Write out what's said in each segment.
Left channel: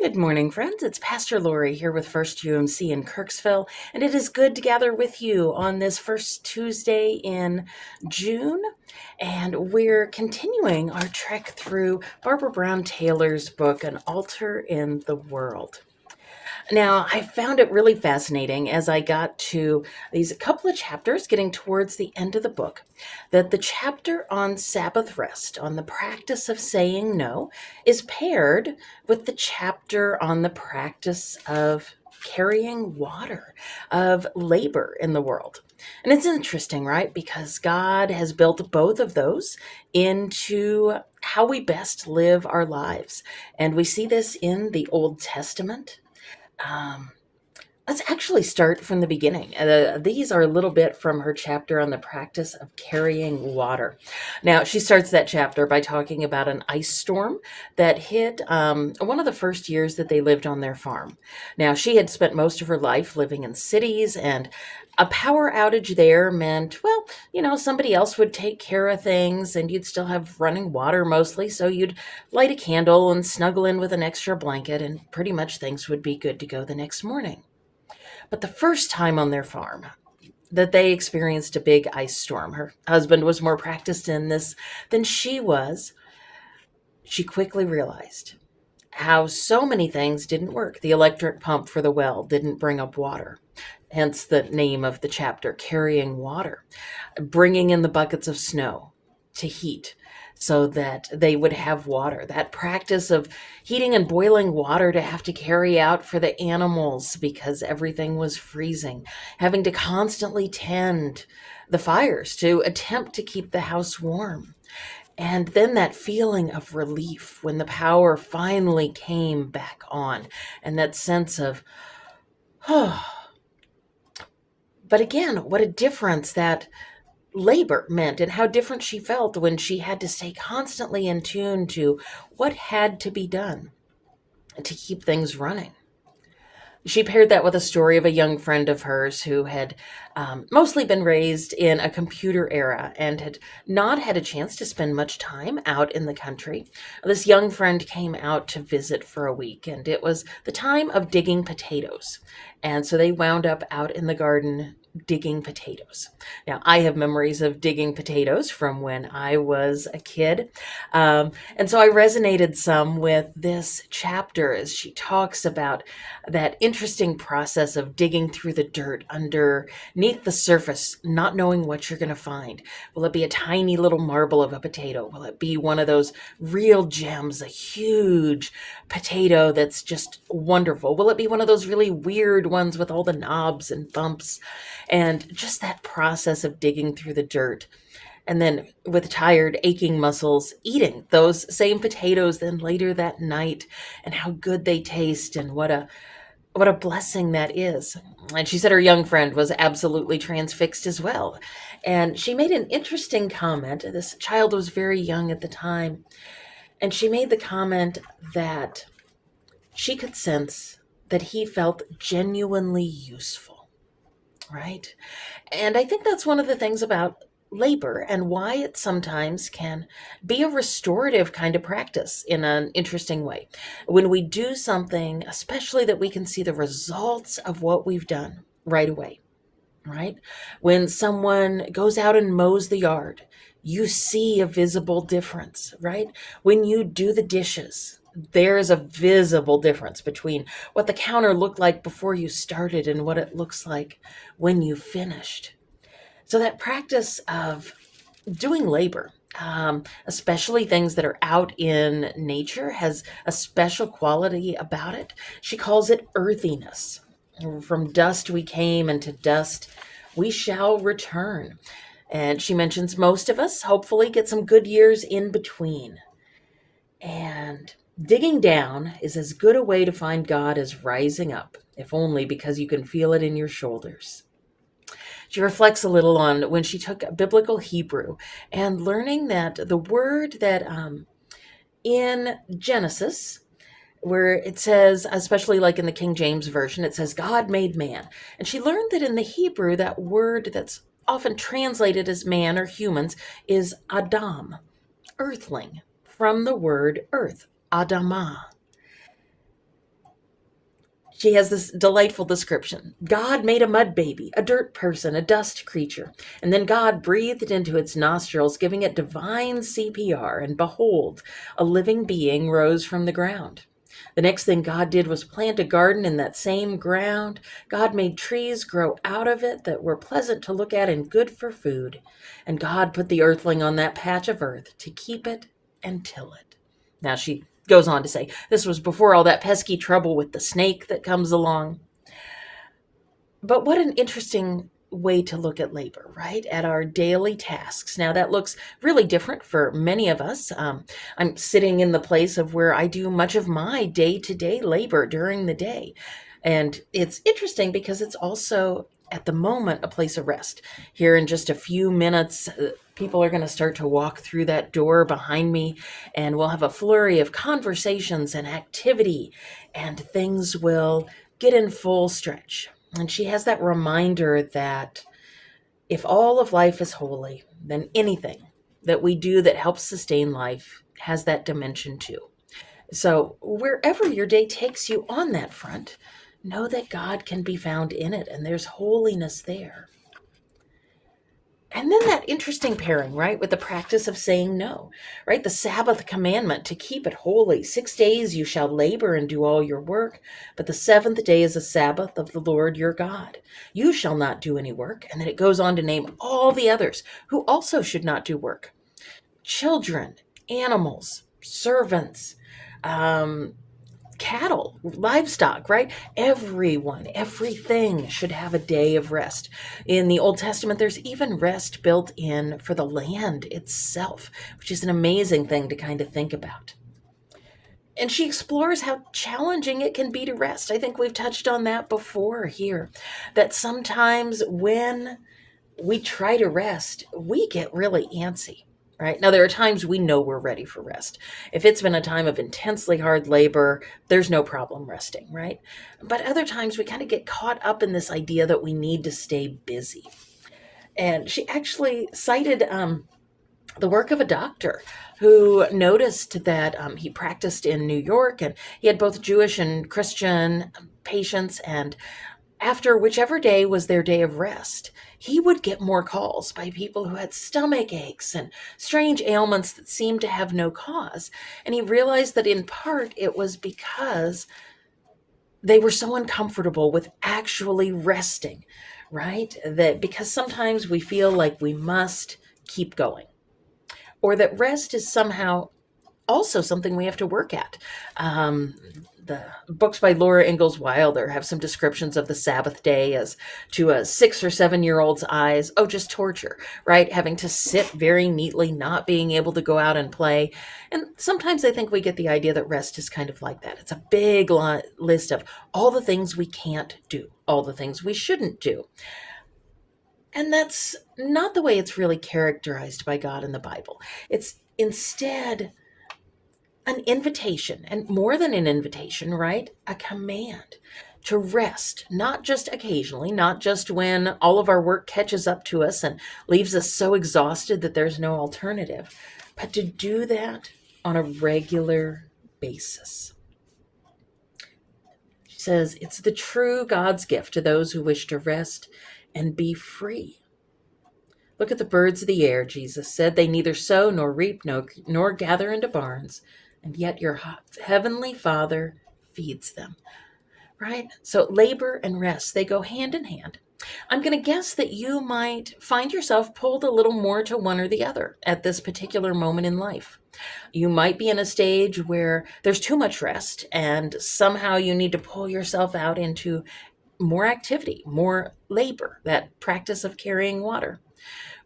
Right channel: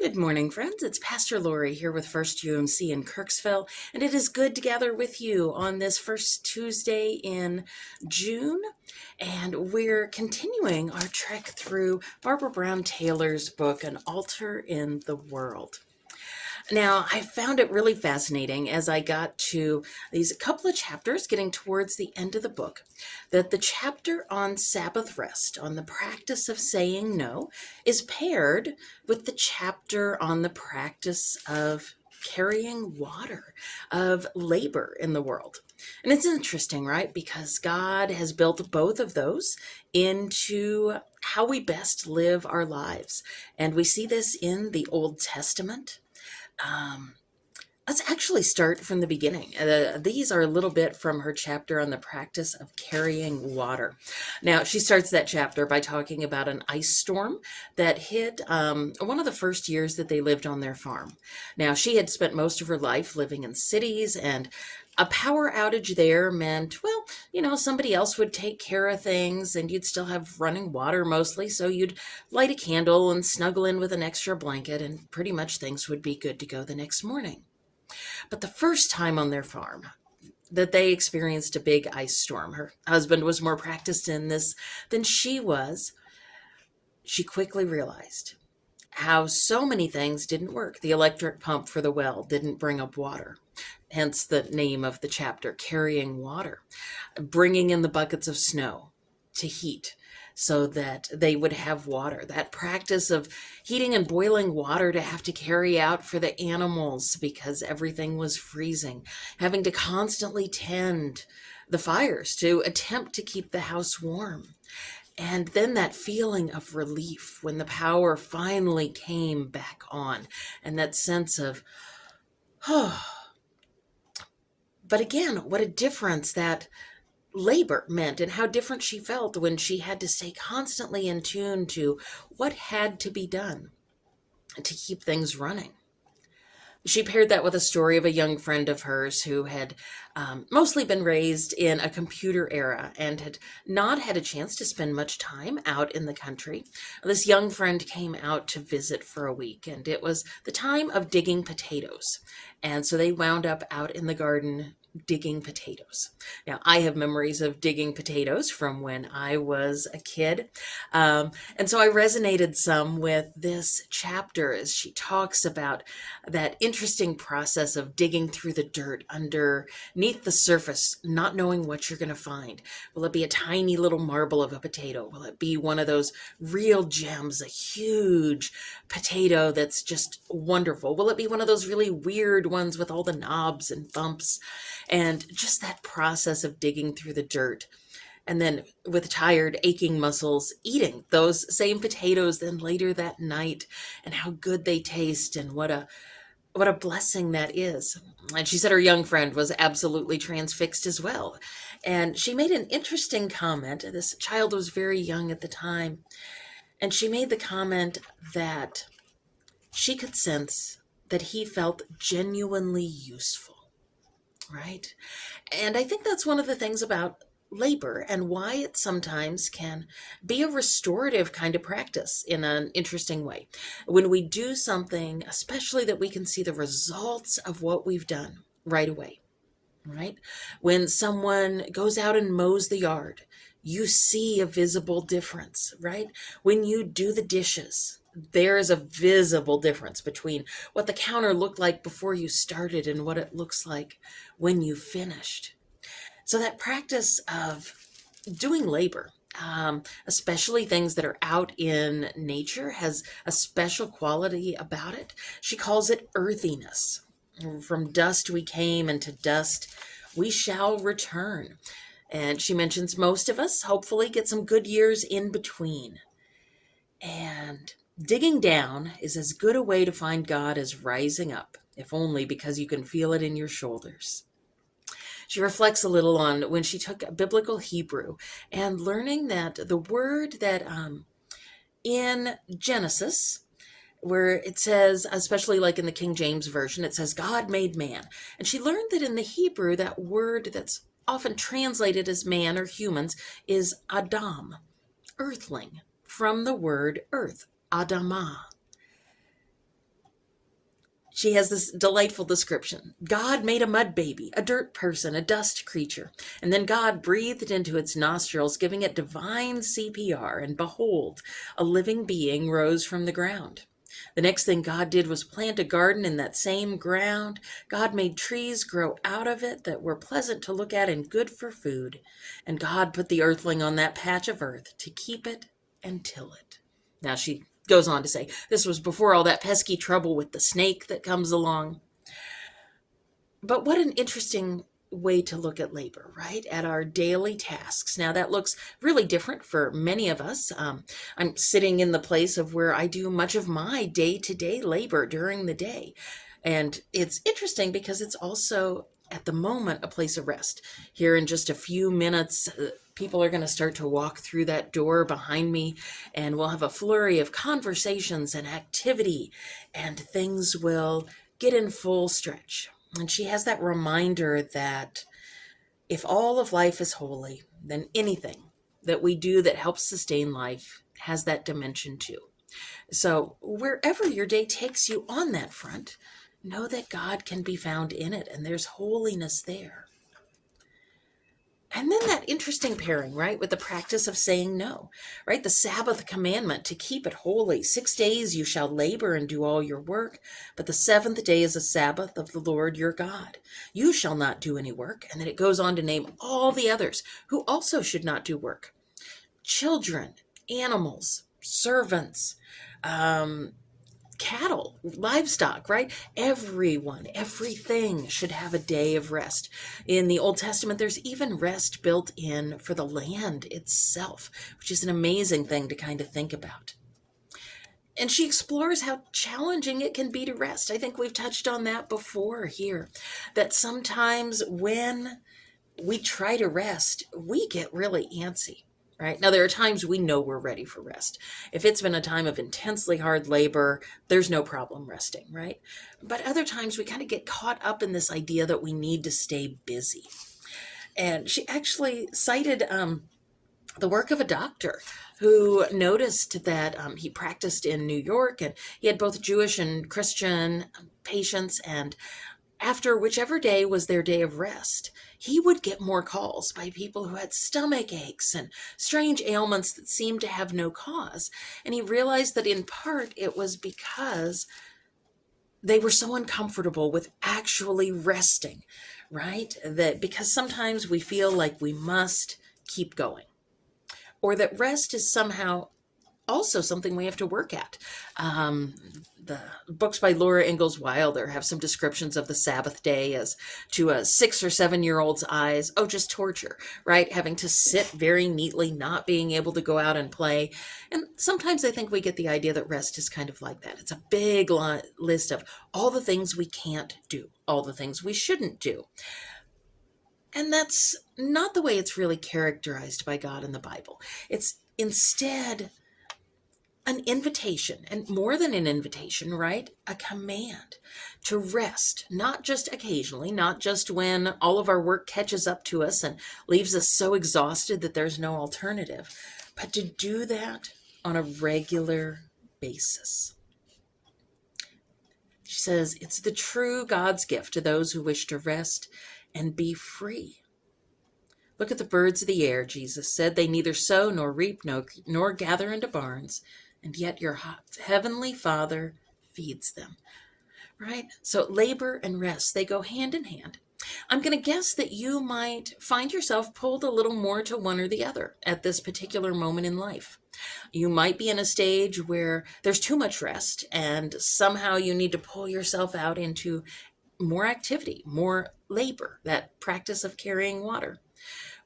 Good morning, friends. It's Pastor Lorri here with First UMC in Kirksville, and it is good to gather with you on this first Tuesday in June. And we're continuing our trek through Barbara Brown Taylor's book, An Altar in the World. Now, I found it really fascinating as I got to these couple of chapters getting towards the end of the book that the chapter on Sabbath rest, on the practice of saying no, is paired with the chapter on the practice of carrying water, of labor in the world. And it's interesting, right? Because God has built both of those into how we best live our lives. And we see this in the Old Testament. um, let's actually start from the beginning. These are a little bit from her chapter on the practice of carrying water. Now, she starts that chapter by talking about an ice storm that hit one of the first years that they lived on their farm. Now, she had spent most of her life living in cities, and a power outage there meant, well, somebody else would take care of things and you'd still have running water mostly. So you'd light a candle and snuggle in with an extra blanket, and pretty much things would be good to go the next morning. But the first time on their farm that they experienced a big ice storm, her husband was more practiced in this than she was. She quickly realized how so many things didn't work. The electric pump for the well didn't bring up water. Hence the name of the chapter, Carrying Water. Bringing in the buckets of snow to heat so that they would have water. That practice of heating and boiling water to have to carry out for the animals because everything was freezing. Having to constantly tend the fires to attempt to keep the house warm. And then that feeling of relief when the power finally came back on, and that sense of, oh, but again, what a difference that labor meant, and how different she felt when she had to stay constantly in tune to what had to be done to keep things running. She paired that with a story of a young friend of hers who had mostly been raised in a computer era and had not had a chance to spend much time out in the country. This young friend came out to visit for a week, and it was the time of digging potatoes. And so they wound up out in the garden digging potatoes. Now, I have memories of digging potatoes from when I was a kid. And so I resonated some with this chapter as she talks about that interesting process of digging through the dirt underneath the surface, not knowing what you're going to find. Will it be a tiny little marble of a potato? Will it be one of those real gems, a huge potato that's just wonderful? Will it be one of those really weird ones with all the knobs and bumps? And just that process of digging through the dirt, and then with tired, aching muscles, eating those same potatoes then later that night, and how good they taste, and what a blessing that is. And she said her young friend was absolutely transfixed as well. And she made an interesting comment. This child was very young at the time, and she made the comment that she could sense that he felt genuinely useful, right? And I think that's one of the things about labor and why it sometimes can be a restorative kind of practice in an interesting way. When we do something, especially that we can see the results of what we've done right away, right? When someone goes out and mows the yard, you see a visible difference, right? When you do the dishes, there is a visible difference between what the counter looked like before you started and what it looks like when you finished. So that practice of doing labor, especially things that are out in nature, has a special quality about it. She calls it earthiness. From dust we came, and to dust we shall return. And she mentions most of us hopefully get some good years in between. And digging down is as good a way to find God as rising up, if only because you can feel it in your shoulders. She reflects a little on when she took biblical Hebrew and learning that the word that in Genesis, where it says, especially like in the King James Version, it says, God made man. And she learned that in the Hebrew, that word that's often translated as man or humans is Adam, earthling, from the word earth, Adamah. She has this delightful description. God made a mud baby, a dirt person, a dust creature, and then God breathed into its nostrils, giving it divine CPR, and behold, a living being rose from the ground. The next thing God did was plant a garden in that same ground. God made trees grow out of it that were pleasant to look at and good for food. And God put the earthling on that patch of earth to keep it and till it. Now she goes on to say, this was before all that pesky trouble with the snake that comes along. But what an interesting way to look at labor, right? At our daily tasks. Now, that looks really different for many of us. I'm sitting in the place of where I do much of my day to day labor during the day. And it's interesting because it's also at the moment a place of rest. Here in just a few minutes, people are going to start to walk through that door behind me, and we'll have a flurry of conversations and activity, and things will get in full stretch. And she has that reminder that if all of life is holy, then anything that we do that helps sustain life has that dimension too. So wherever your day takes you on that front, know that God can be found in it, and there's holiness there. And then that interesting pairing, right, with the practice of saying no, right? The Sabbath commandment to keep it holy. 6 days you shall labor and do all your work, but the seventh day is a Sabbath of the Lord your God. You shall not do any work. And then it goes on to name all the others who also should not do work. Children, animals, servants, cattle, livestock, right? Everyone, everything should have a day of rest. In the Old Testament, there's even rest built in for the land itself, which is an amazing thing to kind of think about. And she explores how challenging it can be to rest. I think we've touched on that before here, that sometimes when we try to rest, we get really antsy. Right? Now, there are times we know we're ready for rest. If it's been a time of intensely hard labor, there's no problem resting, right? But other times we kind of get caught up in this idea that we need to stay busy. And she actually cited the work of a doctor who noticed that he practiced in New York, and he had both Jewish and Christian patients, and after whichever day was their day of rest, he would get more calls by people who had stomach aches and strange ailments that seemed to have no cause. And he realized that in part it was because they were so uncomfortable with actually resting, right? That because sometimes we feel like we must keep going, or that rest is somehow also something we have to work at. The books by Laura Ingalls Wilder have some descriptions of the Sabbath day as, to a 6 or 7-year-old's eyes, oh, just torture, right? Having to sit very neatly, not being able to go out and play. And sometimes I think we get the idea that rest is kind of like that. It's a big list of all the things we can't do, all the things we shouldn't do. And that's not the way it's really characterized by God in the Bible. It's instead an invitation, and more than an invitation, right? A command to rest, not just occasionally, not just when all of our work catches up to us and leaves us so exhausted that there's no alternative, but to do that on a regular basis. She says, it's the true God's gift to those who wish to rest and be free. Look at the birds of the air, Jesus said. They neither sow nor reap nor gather into barns, and yet your heavenly Father feeds them, right? So labor and rest, they go hand in hand. I'm going to guess that you might find yourself pulled a little more to one or the other at this particular moment in life. You might be in a stage where there's too much rest, and somehow you need to pull yourself out into more activity, more labor, that practice of carrying water.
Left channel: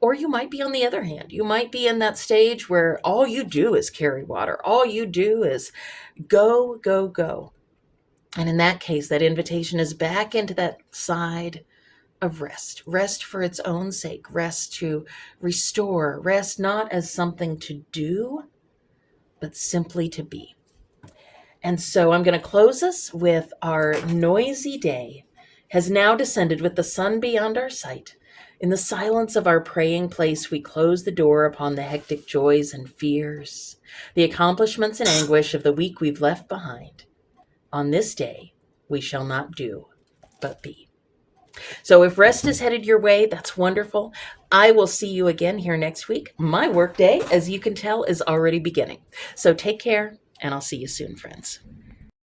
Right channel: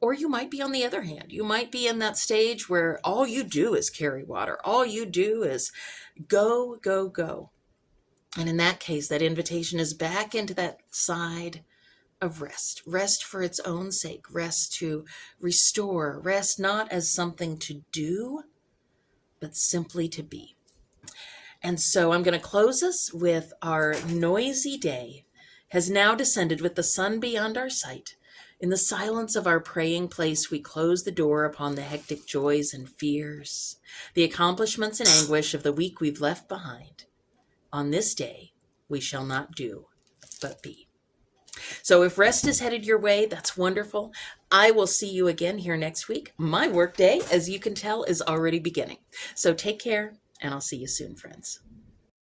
Or you might be on the other hand. You might be in that stage where all you do is carry water. All you do is go, go, go. And in that case, that invitation is back into that side of rest. Rest for its own sake. Rest to restore. Rest not as something to do, but simply to be. And so I'm going to close us with our noisy day has now descended with the sun beyond our sight. In the silence of our praying place, we close the door upon the hectic joys and fears, the accomplishments and anguish of the week we've left behind. On this day, we shall not do but be. So if rest is headed your way, that's wonderful. I will see you again here next week. My workday, as you can tell, is already beginning. So take care, and I'll see you soon, friends.